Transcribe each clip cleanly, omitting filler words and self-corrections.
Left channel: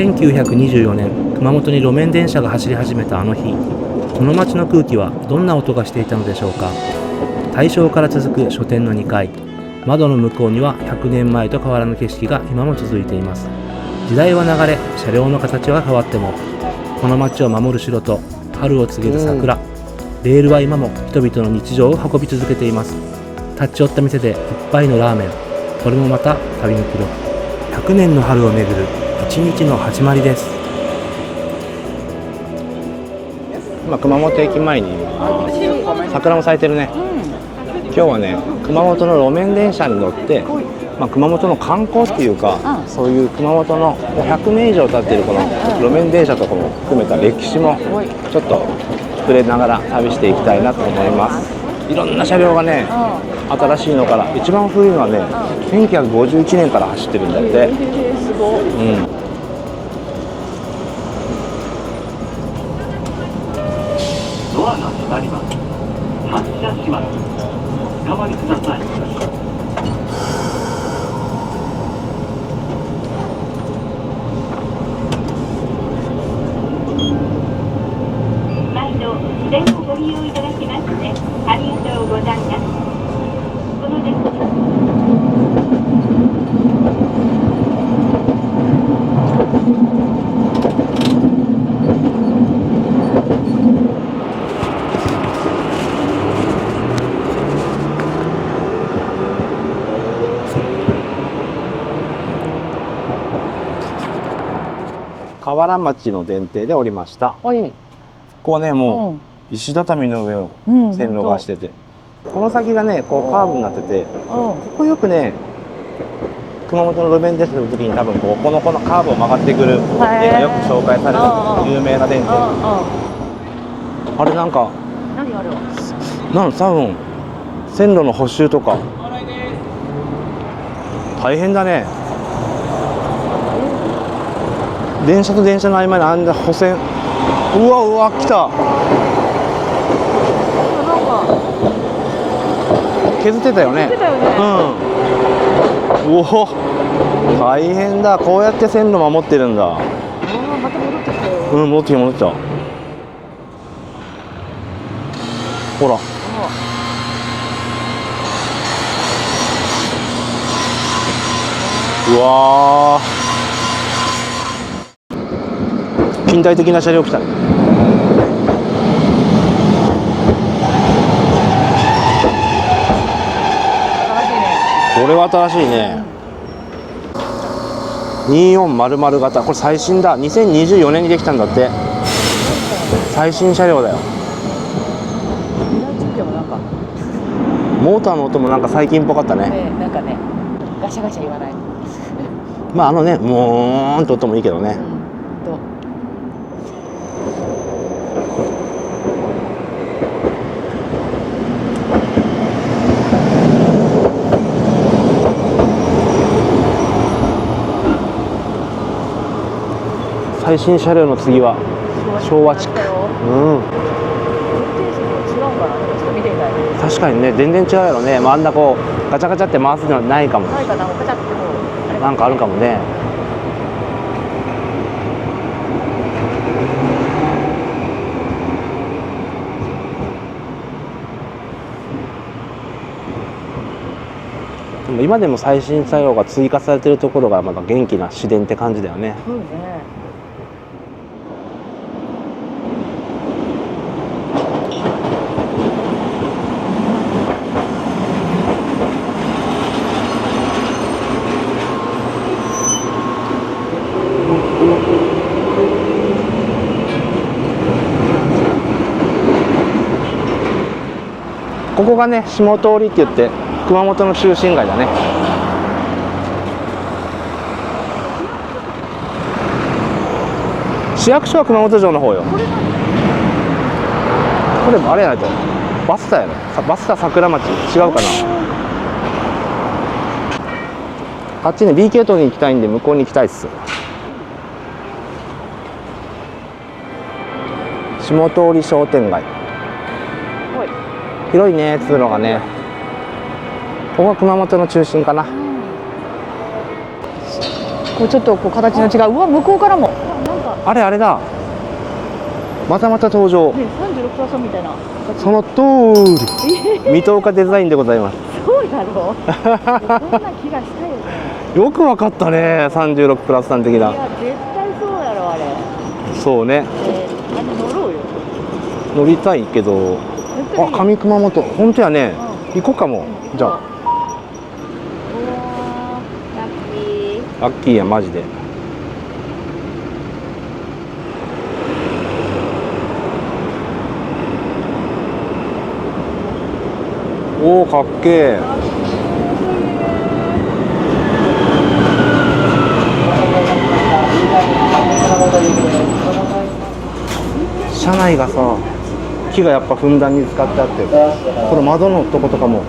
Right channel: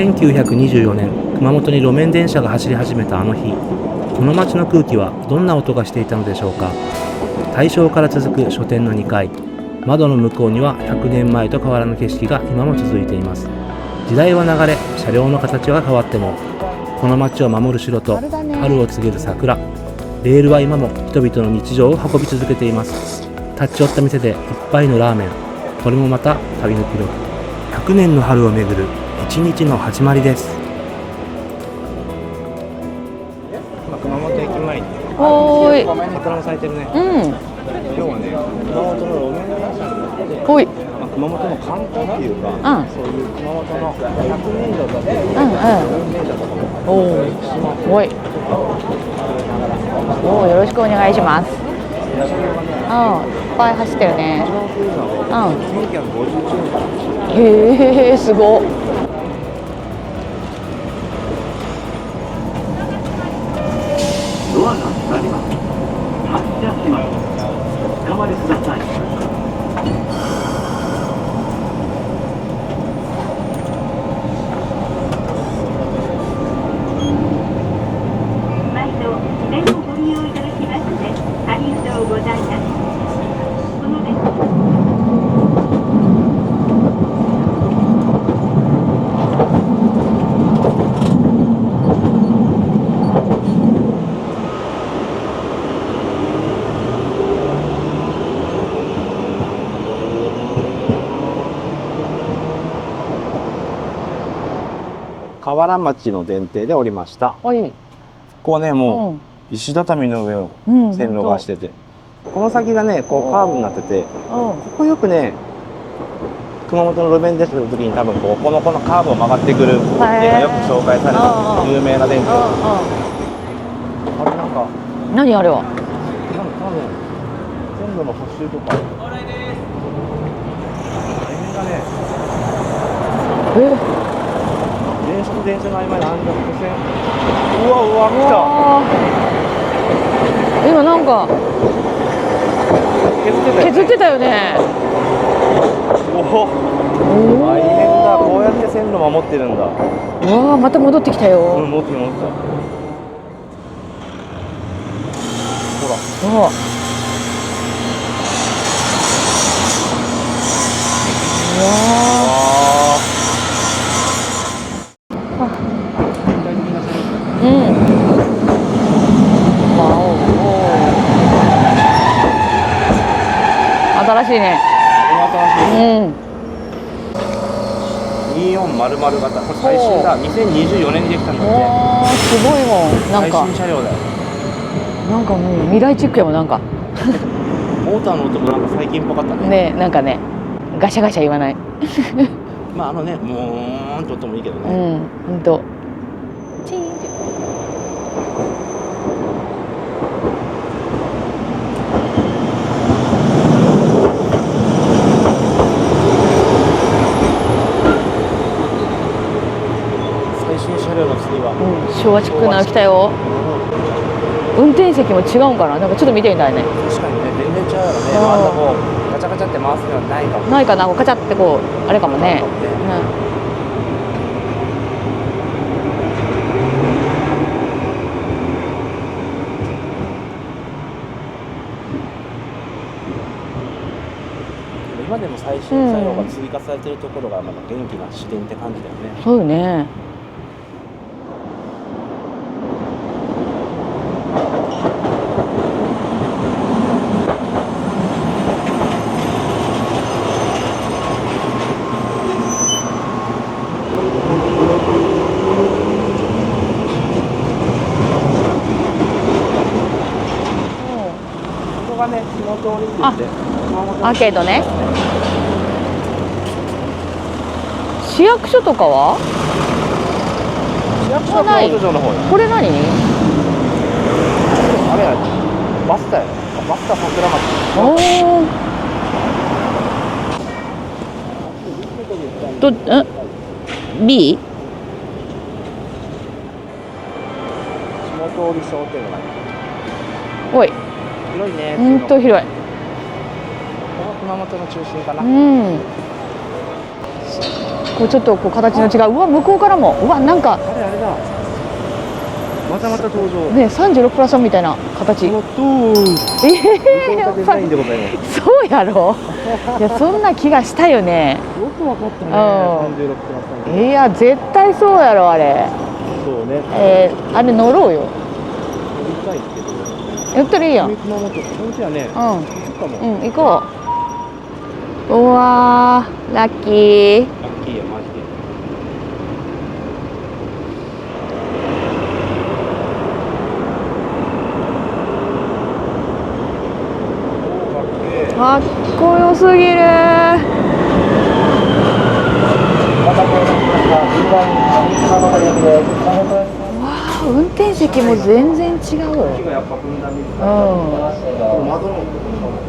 1924年、熊本に路面電車が走り始めたあの日、この街の空気はどんな音がしていたのでしょうか。大正から続く書店の2階、窓の向こうには100年前と変わらぬ景色が今も続いています。時代は流れ、車両の形は変わっても、この街を守る城と春を告げる桜、レールは今も人々の日常を運び続けています。立ち寄った店で一杯のラーメン、これもまた旅の記録。100年の春をめぐる一日の始まりです。今熊本駅前に桜も咲いてるね。今日はね、熊本の路面電車に乗って、熊本の観光っていうか、そういう熊本の100年以上経ってるこの路面電車とかも含めた歴史もちょっと触れながら旅していきたいなと思います。いろんな車両がね、新しいのから一番古いのはね、1951年から走ってるんだって。すごい。ドアが閉まります。発車します。お止まりください。毎度電をご利用いただきましてありがとうございます。この電車河原町の電停で降りました。ここはね、もう石畳の上を線路がしてて、この先がね、こうカーブになってて、ここよくね、熊本の路面電車の時に多分このカーブを曲がってくる絵がよく紹介された有名な電停。あれなんか何あれは？多分線路の補修とか大変だね。電車と電車の合間にあんな補線、うわ来た。今なんか削ってたよね。大変だ。こうやって線路守ってるんだ。また戻ってきたよ。戻ってきた。ほら。うわ近代的な車両来たね。新しいね。これは新しいね。2400型、これ最新だ。2024年にできたんだって。すごいもん。最新車両だよ。なんかもう未来チックやもん。なんかモーターの音もなんか最近っぽかったね。ね、なんかね、ガシャガシャ言わない。まあね、もーんと音もいいけどね。ほんと。最新車両の次は、昭和チックなの来たよ。運転席も違うんかな。なんかちょっと見てみたいね。確かにね、全然違うやろね。あんなこうガチャガチャって回すのはないかも。ないかな、ガチャってこうあれかもね。なんかあるかもね。今でも最新車両が追加されてるところがまた元気な市電って感じだよね。そうよね。ここがね、下通りって言って熊本の中心街だね。市役所とかは？市役所は熊本城の方よ。これ何？これあれやね、バスタやね。バスタ桜町。違うかな。あっちね、B 系統に行きたいんで向こうに行きたいっす。 B？ 下通り商店街。おい、広いね、通路がね。ここが熊本の中心かな。ここうちょっとこう形の違う。うわ向こうからも。うわなんかあれあれだ。またまた登場。ね36プラスみたいな形。そのとーり。水戸岡デザインでございます。そうやろ。いやそんな気がしたよね。よくわかったね。うん36プラス3的いな。や絶対そうやろあれ。そうね。あれ乗ろうよ。乗りたいけど。やったらいいやん。上熊本。本当やね。行こうかも。行こう。うわーラッキー。ラッキーやマジで。おおかっけえ。かっこよすぎる。運転席も全然違う。木がやっぱふんだんに使ってあって、この窓のとことかも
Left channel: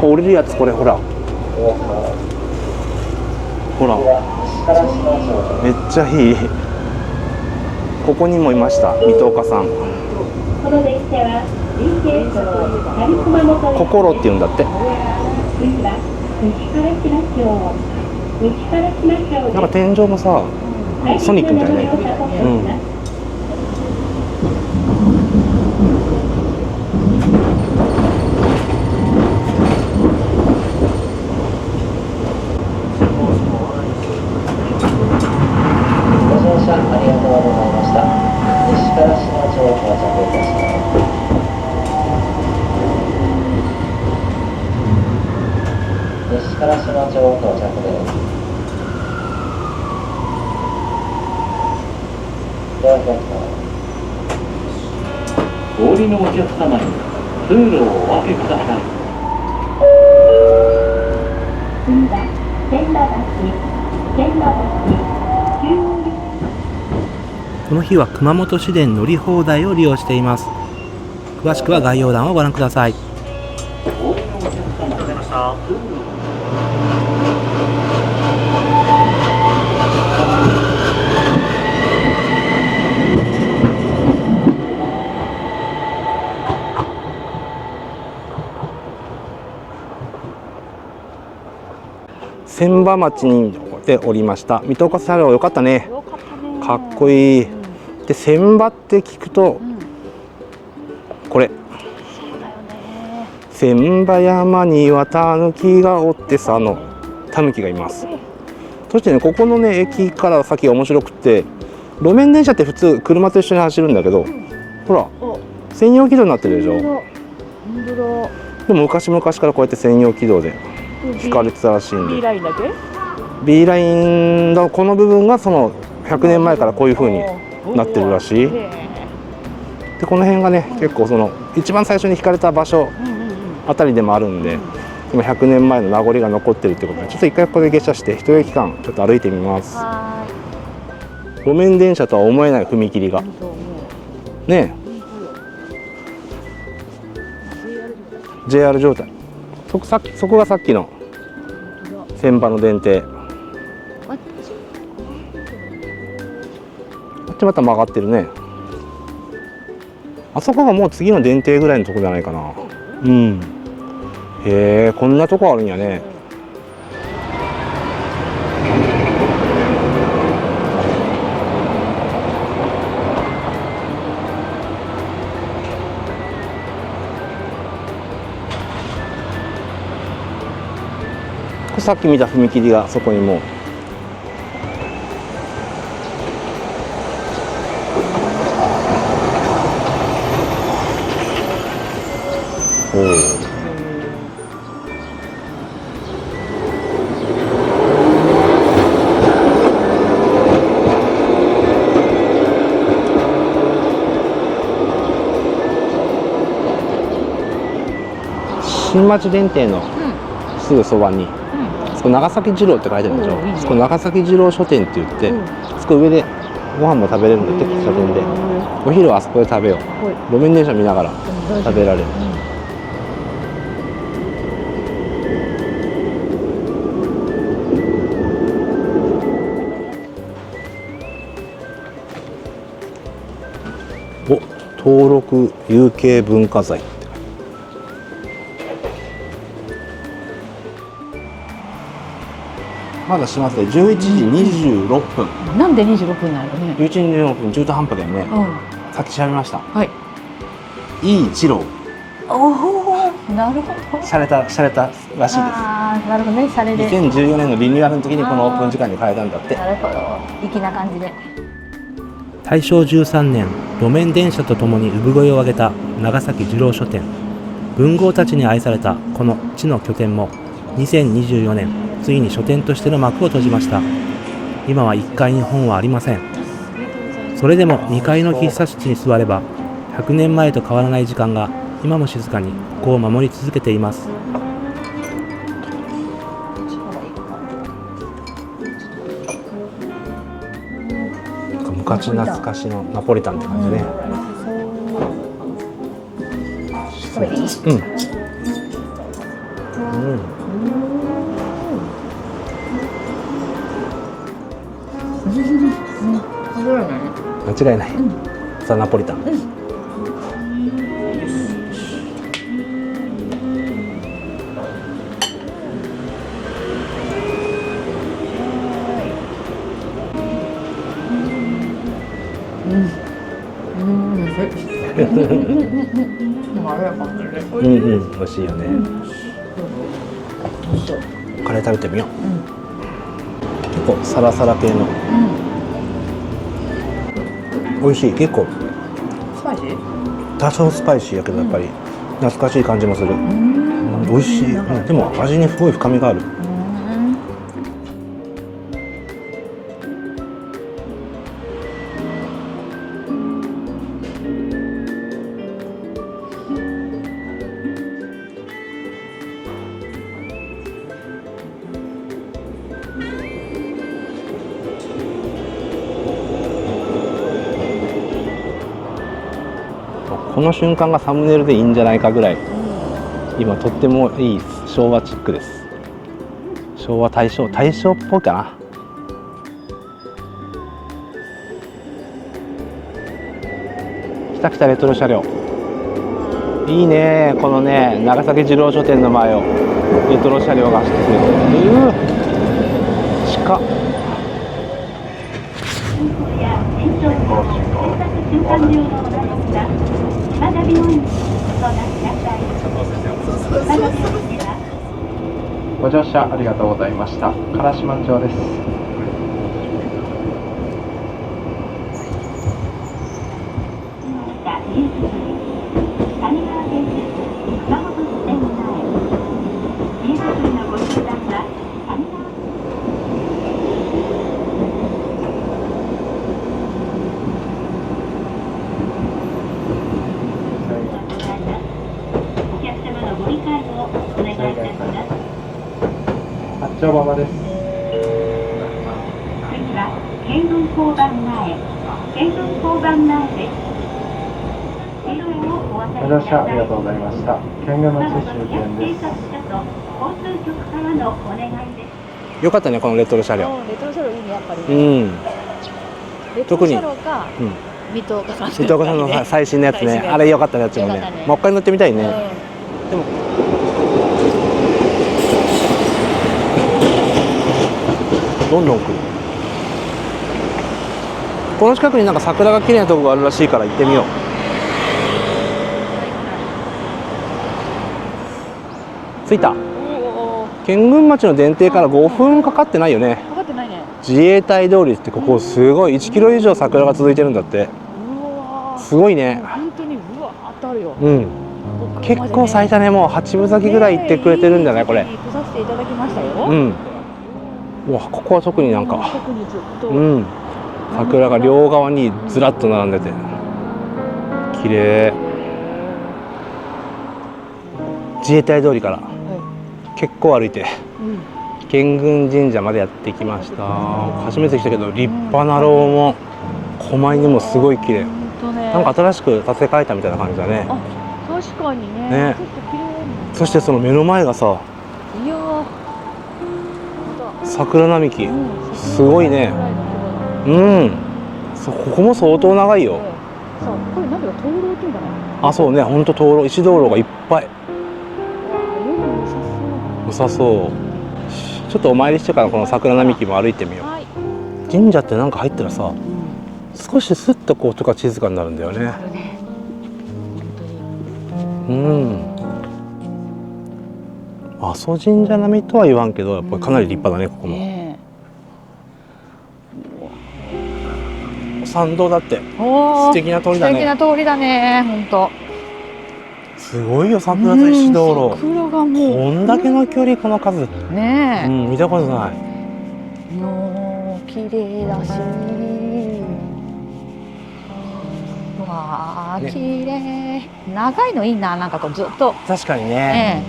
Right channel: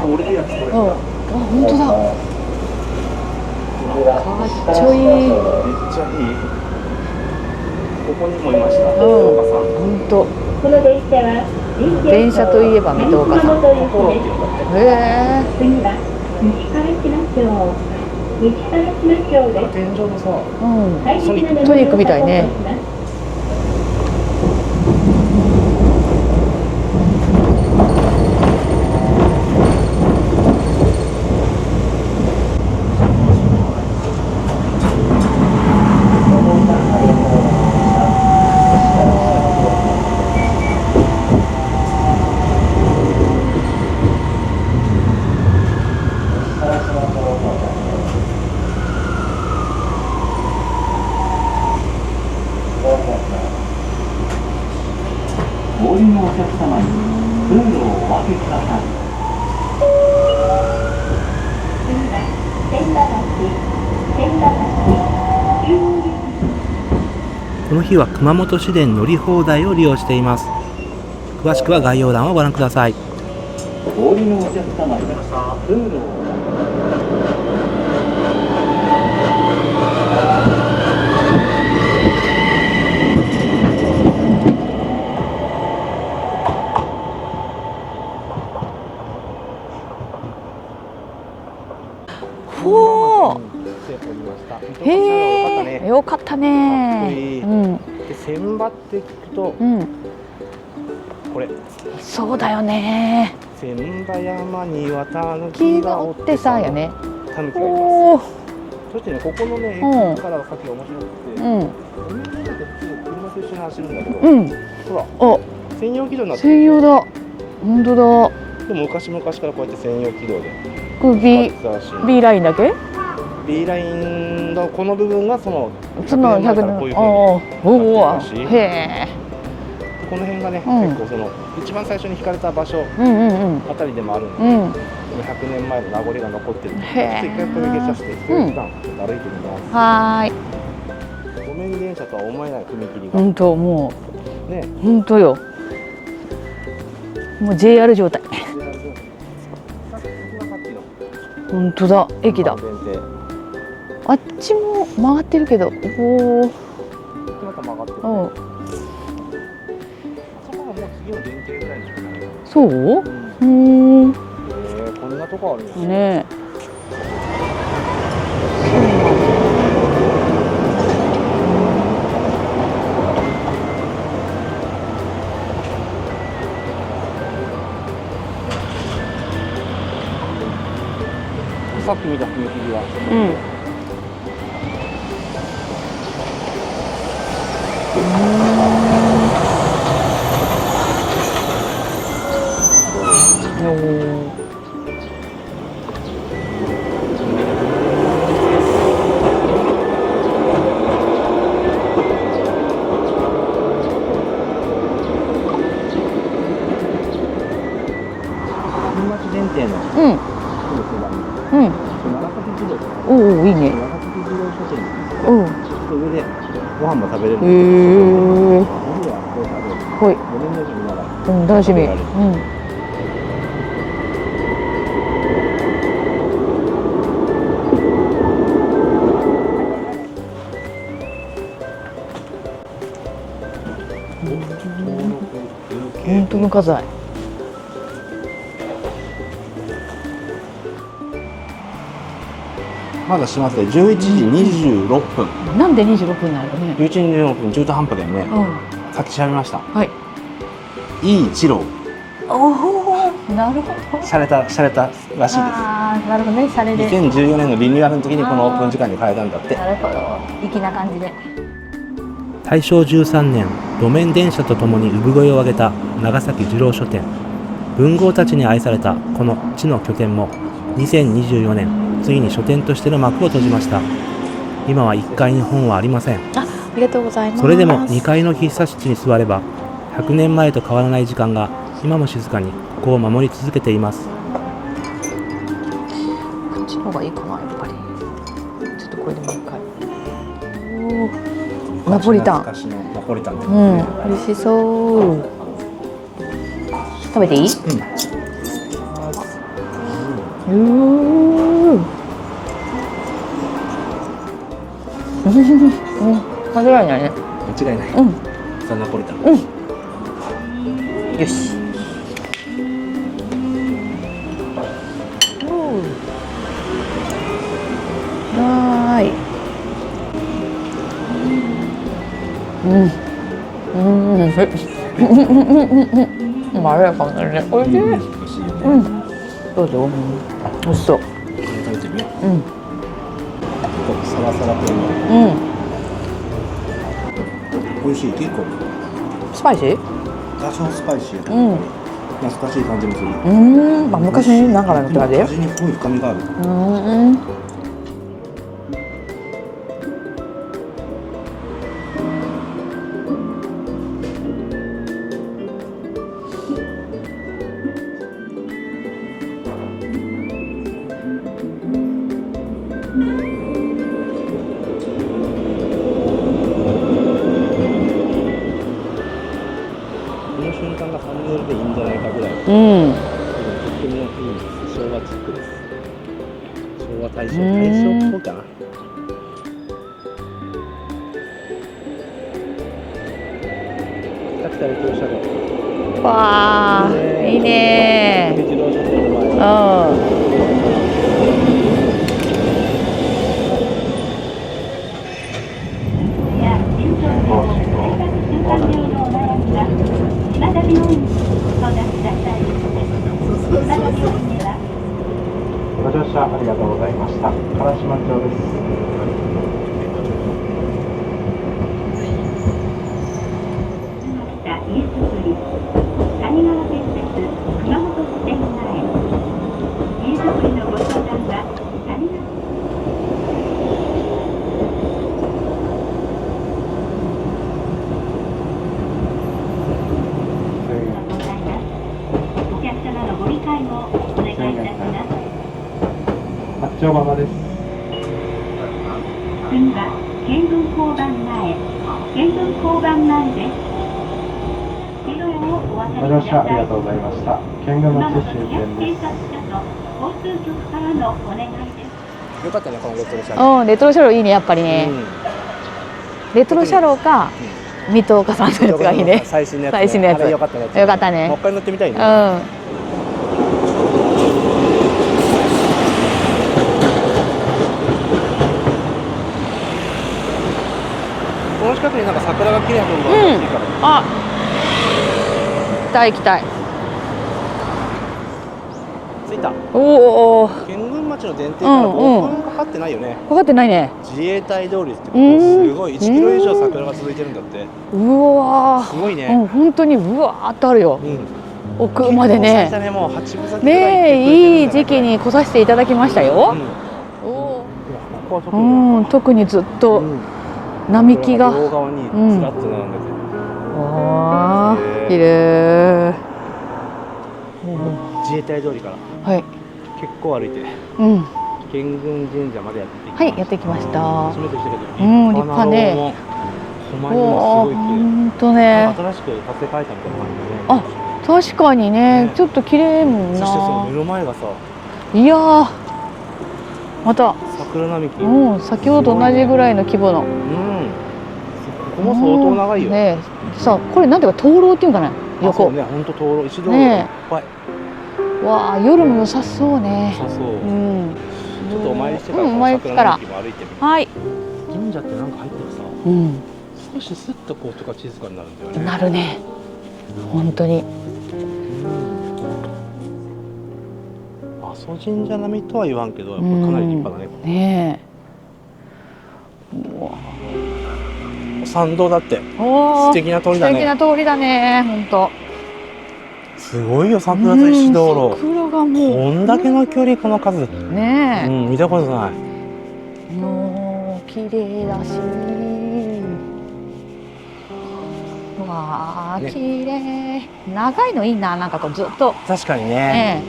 こう降りるやつ、これほら、あ本当だ。ほらかっちょいい。めっちゃいい。ここにもいました水戸岡さん。本当。この電車は電車といえば水戸岡さん。心って言うんだって。次は西からしましょう。西からしましょう。なんか天井のさ、うん。ソニックみたいな。ソニックみたいね。お降りのお客様に通路をお開けください。次は千葉この日は熊本市電乗り放題を利用しています。詳しくは概要欄をご覧ください。お降りのお客様に通路を千葉町にでおりました。水戸岡さんが良かったね。よかったね。かっこいい。うんで千葉って聞くと、これそうだよね。千葉山にはタヌキがおってさのタヌキがいます。そしてね、ここのね駅から先が面白くて、路面電車って普通車と一緒に走るんだけど、ほら専用軌道になってるでしょ。本当だ。でも昔々からこうやって専用軌道で引かれてたらしいんで。 B ラインだけ B ラインのこの部分がその100年前からこういう風になってるらしい。でこの辺がね、結構その一番最初に引かれた場所あたりでもあるんで、今100年前の名残が残ってるってことで、ちょっと一回ここで下車して一駅間ちょっと歩いてみます。はい。路面電車とは思えない踏切が本当もうね、本当よ。もう JR 状態。JR 状態。そこがさっきの本当だ。千葉の電停。あっちも曲がってるけど、おお。こっちまた曲がってるね。あそこがもう次の電停ぐらいのとこじゃないかな。そう？うん。へえ、こんなとこあるんやね。さっき見た踏切がそこにも。新町電停のすぐそばに、そこ長崎二郎って書いてあるんですよ。そこ長崎二郎書店って言って、そこ上でご飯も食べれるので、お昼はあそこで食べよう。路面電車見ながら食べられる。登録有形文化財。まだ閉まって11時26分。なんで26分なのね。 11時26分、中途半端だよね。うん。さっき調べました。はい。いい一郎。おお、なるほど。洒落たらしいです。ああ、なるほどね、シャレで。2014年のリニューアルの時にこのオープン時間に変えたんだって。なるほど、粋な感じで。大正13年、路面電車とともに産声を上げた長崎二郎書店。文豪たちに愛されたこの地の拠点も2024年、ついに書店としての幕を閉じました。今は1階に本はありません。ありがとうございます。それでも2階の喫茶室に座れば、100年前と変わらない時間が今も静かにここを守り続けています。こっちの方がいいかな、やっぱり。ちょっとこれでいいか。ナポリタン。昔のナポリタンってう感じね。ん、美味しそう。食べていい？間違いないね。間違いない。ザ・ナポリタン。よし。はーい。まろやかになるね。おいしい。美味しいよね。どうぞ。美味しそう。カレー食べてみよう。こうサラサラ系の。美味しい。結構スパイシー？多少スパイシーやけどやっぱり懐かしい感じもする。あ、昔ながらのでも味にすごい深みがある。この瞬間がサムネイルでいいんじゃないかぐらい、今とってもいい昭和チックです。昭和大正っぽいかな。来た来たレトロ車両。わいいね。このね長崎二郎書店の前をレトロ車両が。近っ。や戦争業、制作瞬間病のお悩みが島田病院に相談ください。島田病院ではご乗車ありがとうございました。唐島町です。家づくり谷川建設熊本支店前。家づくりのご相談は谷川お客様のご理解をお願いいたします。八丁浜です。次は県軍交番前。県軍交番前です。ご乗車ありがとうございました。県軍町終点です。よかったねこのレトロ車両。レトロ車両いいね、やっぱりね。レトロ車両か水戸岡さんのやつがいいね。最新のやつね。あれよかったね。よかったね。もう一回乗ってみたいね。どんどんこの近くになんか桜が綺麗なところがあるらしいから行ってみよう。行きたい。着いた。おお。県軍町の電停から5分かかってないよね。かかってないね。自衛隊通りってここすごい1キロ以上桜が続いてるんだって。うわ。すごいね。本当にうわーっとあるよ。奥までね。結構咲いたね。もう8分咲きぐらい行ってくれてるんだね。いい時期に来させていただきましたよ。うわ、ここは特になんか。特にずっと並木が桜が両側にずらっと並んでて。綺麗。綺麗。自衛隊通りから結構歩いて県軍神社までやってきました。初めて来たけど立派な楼門、狛犬もすごい綺麗。なんか新しく建て替えたみたいな感じだね。あ、確かにね、ちょっと綺麗もんな。そしてその目の前がさ、いやー、また桜並木。先ほど同じぐらいの規模の。ここも相当長いよ。さあ、これなんていうか灯籠っていうんかな。あ、そうね、本当灯籠、石灯籠がいっぱい。わあ、夜も良さそうね。良さそう。ちちょっとお参りしてからこの桜並木も歩いてみよう。はい、神社ってなんか入ったらさ、うん、少しスッとこうとか静かになるんだよね。なるね本当に。うん。阿蘇神社並みとは言わんけど、やっぱかなり立派だね、ここも。ね参道だって。おー、素敵な通りだね。素敵な通りだね、本当。すごいよ、桜と石道路。桜がもうこんだけの距離、この数。ねえ、見たことない。もう綺麗だし、わあ、ね綺麗。長いのいいな、なんかこうずっと。確かにね。ね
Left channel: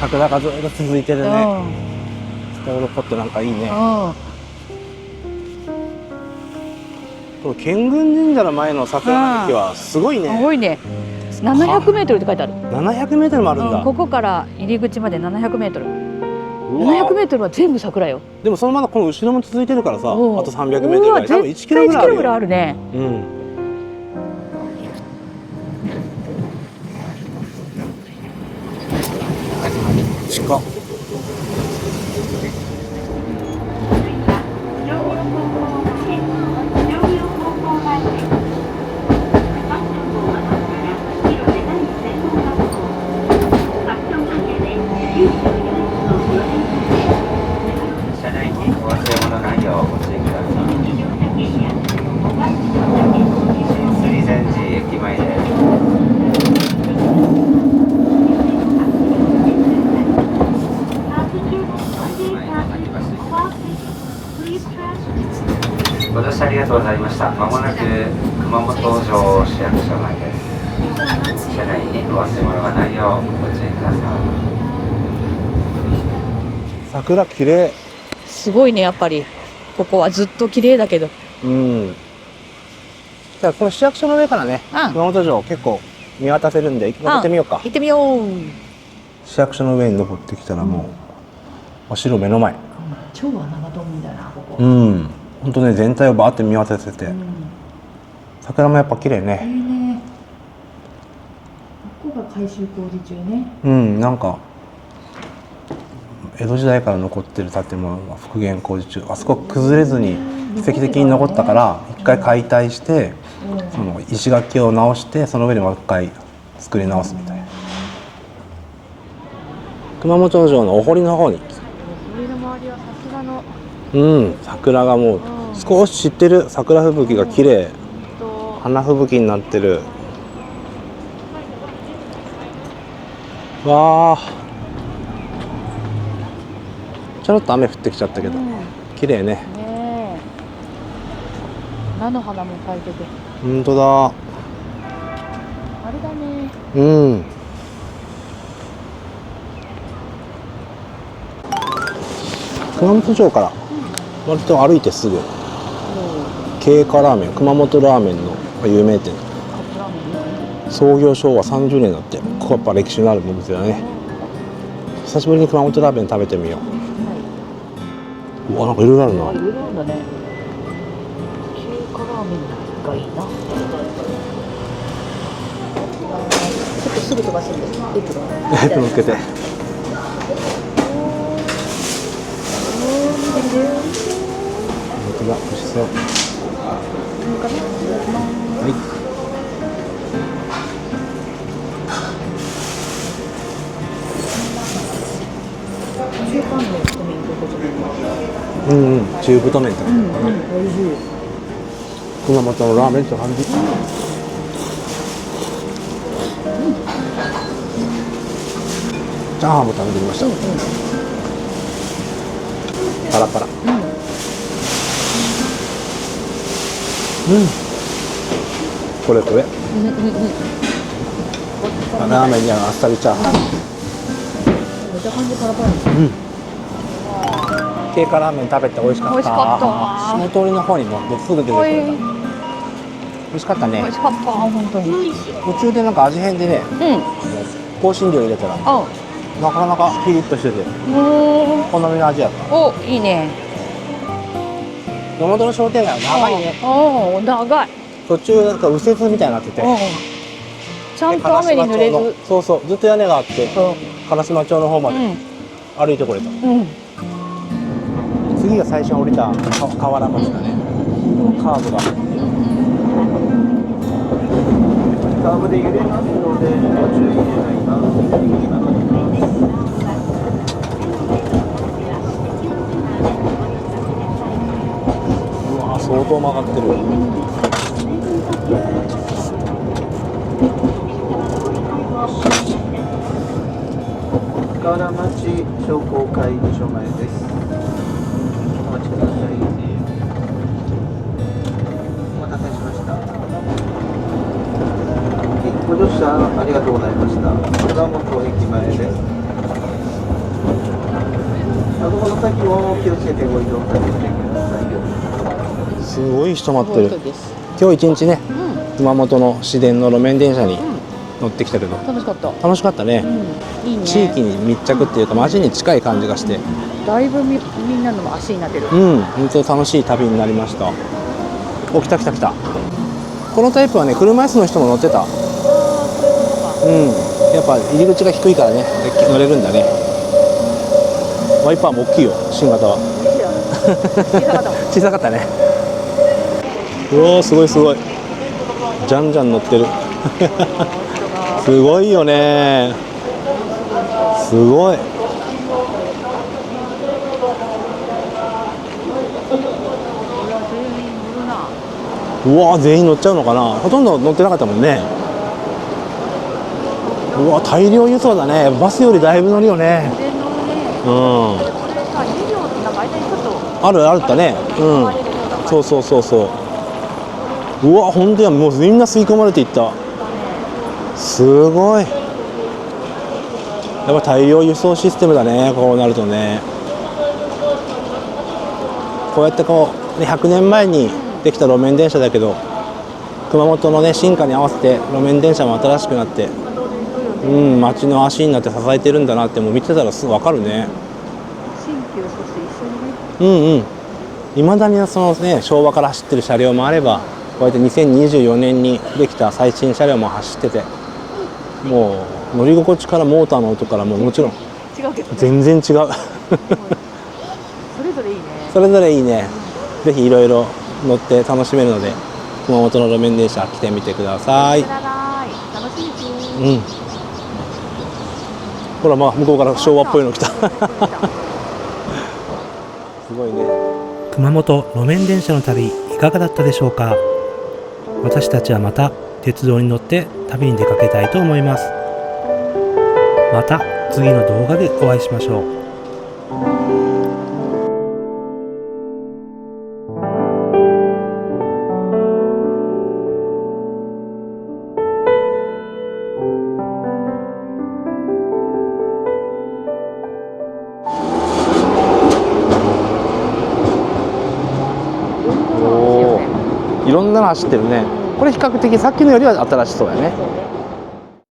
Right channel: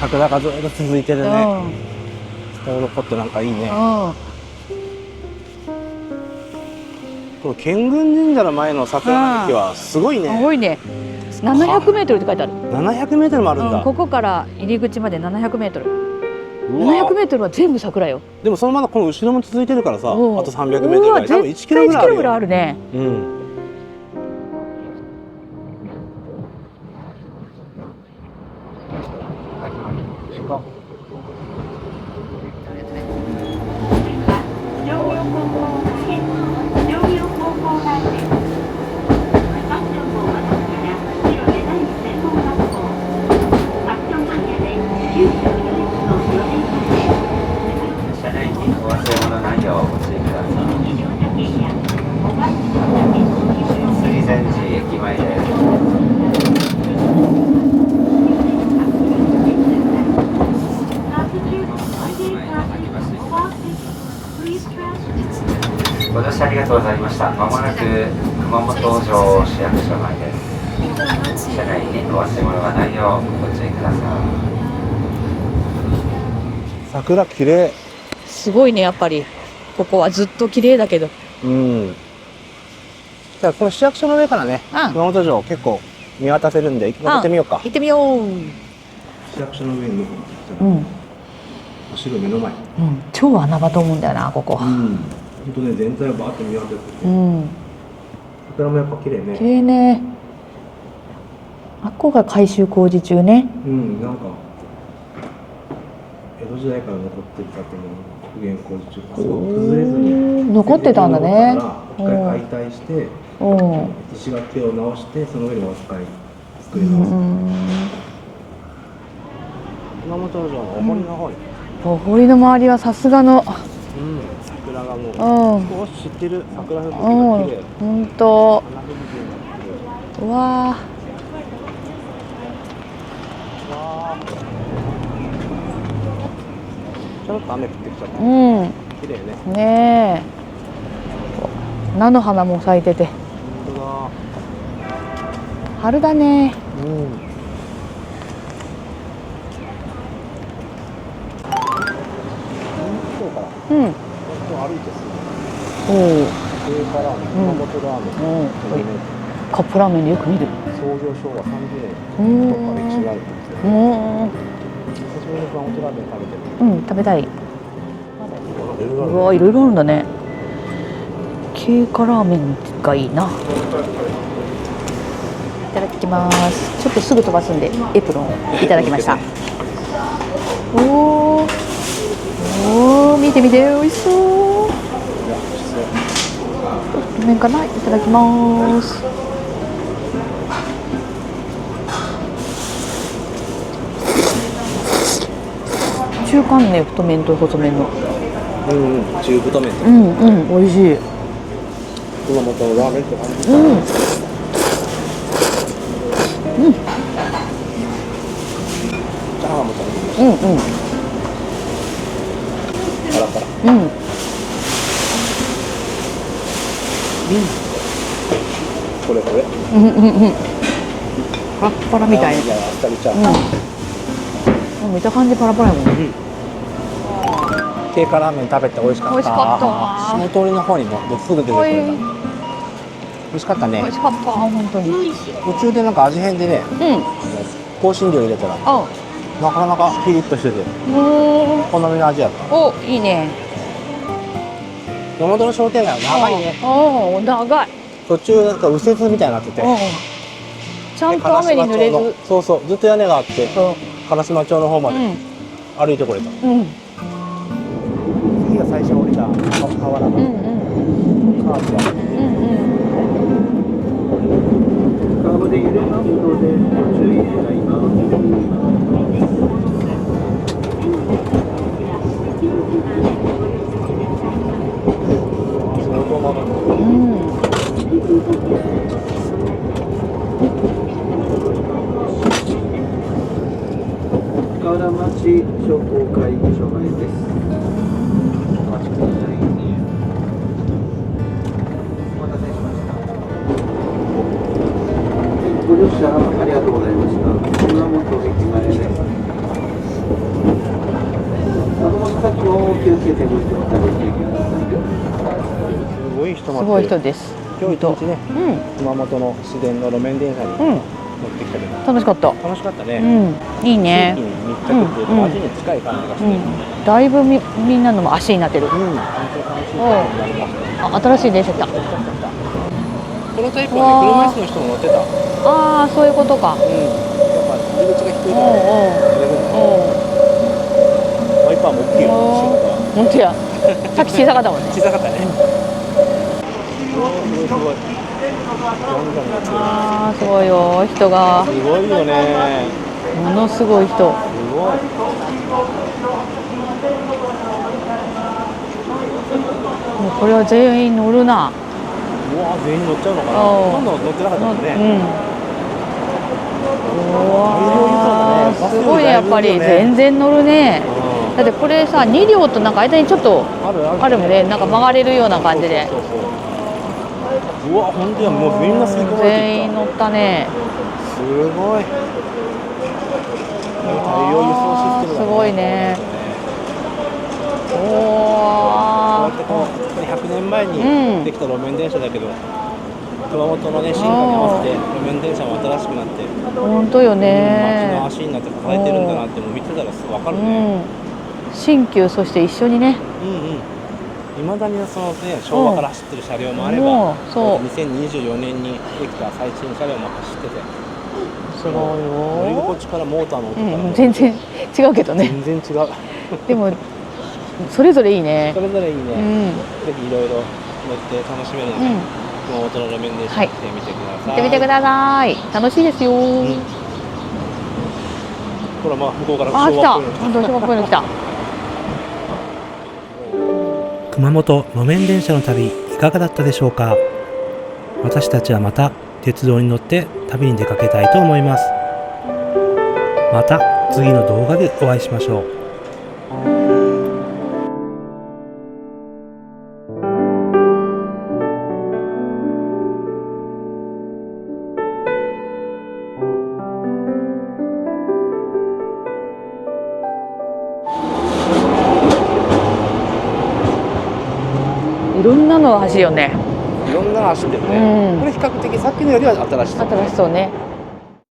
桜がずっと続いてえ、るね。ストロコってなんかいいね。この建軍神社の前の桜並木はすごいすね。ごいね。700メートルって書いてある。700メートルもあるんだ。ここから入り口まで700メートル。うわ700メートルは全部桜よ。でもそのままこの後ろも続いてるからさ、あおうと300メートルぐらい、多分1キロぐらいあ1キロるよ。ぐらいあるね。うん。近っ。車内にお忘れ物ないようご注意ください。水前寺駅前です。ご乗車ありがとうございました。まもなく熊本城市役所内です。車内にお忘れ物がないようご注意ください。桜綺麗。すごいね、やっぱり。ここはずっと綺麗だけど。うん。じゃあこの市役所の上からね、うん熊本城結構見渡せるんで登ってみようか。行ってみよう。市役所の上に登ってきたらもう、お城目の前。超穴場と思うんだよな、ここ。ん。本当ね、全体をバーって見渡せて、桜もやっぱ綺麗綺ね。麗ね。あっこが改修工事中ね。なんか江戸時代から残ってる建物が復元工事中、あそこ崩れずに奇跡的に残ったから一回解体して、その石垣を直してその上でもう一回作り直すみたいな。熊本城のお堀の方に、お堀の周りはさすがの。桜がもう少し散ってる。桜吹雪が綺麗。本当。花吹雪になってる。うわーわー、ちょろっと雨降ってきちゃったけど、綺麗ね。ねえ。菜の花も咲いてて。本当だ。春だね。熊本城から割と歩いてすぐ、経過ラーメン、熊本ラーメンの有名店。カップラーメンよく見る。創業昭和30年だって、ここやっぱ歴史のあるお店だね。久しぶりに熊本ラーメン食べてみよう。食べたい。うわ、なんかいろいろあるな。いろいろあるんだね。経過ラーメンがいいな。いただきます。ちょっとすぐ飛ばすんでエプロンいただきました。おー、見て見て、美味しそう。美味しそう。麺かな、いただきます。中間ね、太麺と細麺の。中太麺だ。美味しい。熊本のラーメンって感じ。チャーハンも食べてみました。パラパラ。これこれ。パラパラみたいラーメンじゃあっさりチャーハン。見た感じパラパラやもん。経過ラーメン食べて美味しかった。美味しかった。その通りの方にもすぐ出てくる。美味しかったね。美味しかった、本当に。途中でなんか味変でね、香辛料入れたらなかなかピリッとしてて好みの味やった。お、いいね。熊本の商店街は長いね。長い。途中なんか右折みたいになってて、ちゃんと雨に濡れず。そうそう、ずっと屋根があって烏丸町の方まで歩いてこれた。た瓦うん町だね。カーブが。カーブで揺れますのでご注意願います。相当曲がってる。河原町商工会議所前です。お待ちください。お待たせしました。ご乗車ありがとうございました。熊本駅前です。この先も気をつけてご移動されてください。すごい人すごい待ってる。人です。今日一日ね、熊本の市電の路面電車にうん。乗ってきたけど、楽しかった。楽しかったね。いいね。地域に密着っていうか、街に近い感じがして、だいぶみんなのも足になってる。本当に楽しい旅になりました。あ、新しい電車来た。お、来た来た来た。このタイプはね、車椅子の人も乗ってた。ああ、そういうことか。やっぱ入り口が低いからね、乗れるんだね。ワイパーも大きいよ、新型は。本当や。さっき小さかったもん。小さかったね。おお、すごいすごい。じゃんじゃん乗ってる。あー、そうよ、人が。すごいよね。ものすごい人。すごい。これは全員乗るな。うわ、全員乗っちゃうのかな。ほとんど乗ってなかったもんね。うわ、大量輸送だね。バスよりだいぶいいよやっぱり全ね。然乗るね。だってこれさ、2両となんか間にちょっとあるあるね。ね。なんか回れるような感じで。そう。うわ、本当や、もうみんな吸い込まれていった。全員乗ったね。すごい。やっぱ大量輸送システムだね。すごいねこうなるとね。こうやってこう100年前にできた路面電車だけど、熊本のね進化に合わせて路面電車も新しくなって、本当よね。街の足になって支えてるんだなってもう見てたらすぐ分かるね。新旧そして一緒にね。いまだにそのね昭和から走ってる車両もあれば、こうやって2024年にできた最新車両も走ってて、もう乗り心地からモーターの音からももちろん違うけどね。全然違う。でもそれぞれいいね。それぞれいいね。ぜひいろいろ乗って楽しめるので、熊本の路面電車来てみてください。見てください。楽しいですよ。ほら、まあ向こうから昭和っぽいの来た。昭和っぽいの来た。すごいね。熊本路面電車の旅いかがだったでしょうか。私たちはまた鉄道に乗って旅に出かけたいと思います。また次の動画でお会いしましょう。いろんなの走るよね。いろんなの走ってるね。これ比較的さっきのよりは新しそうだね。そうね。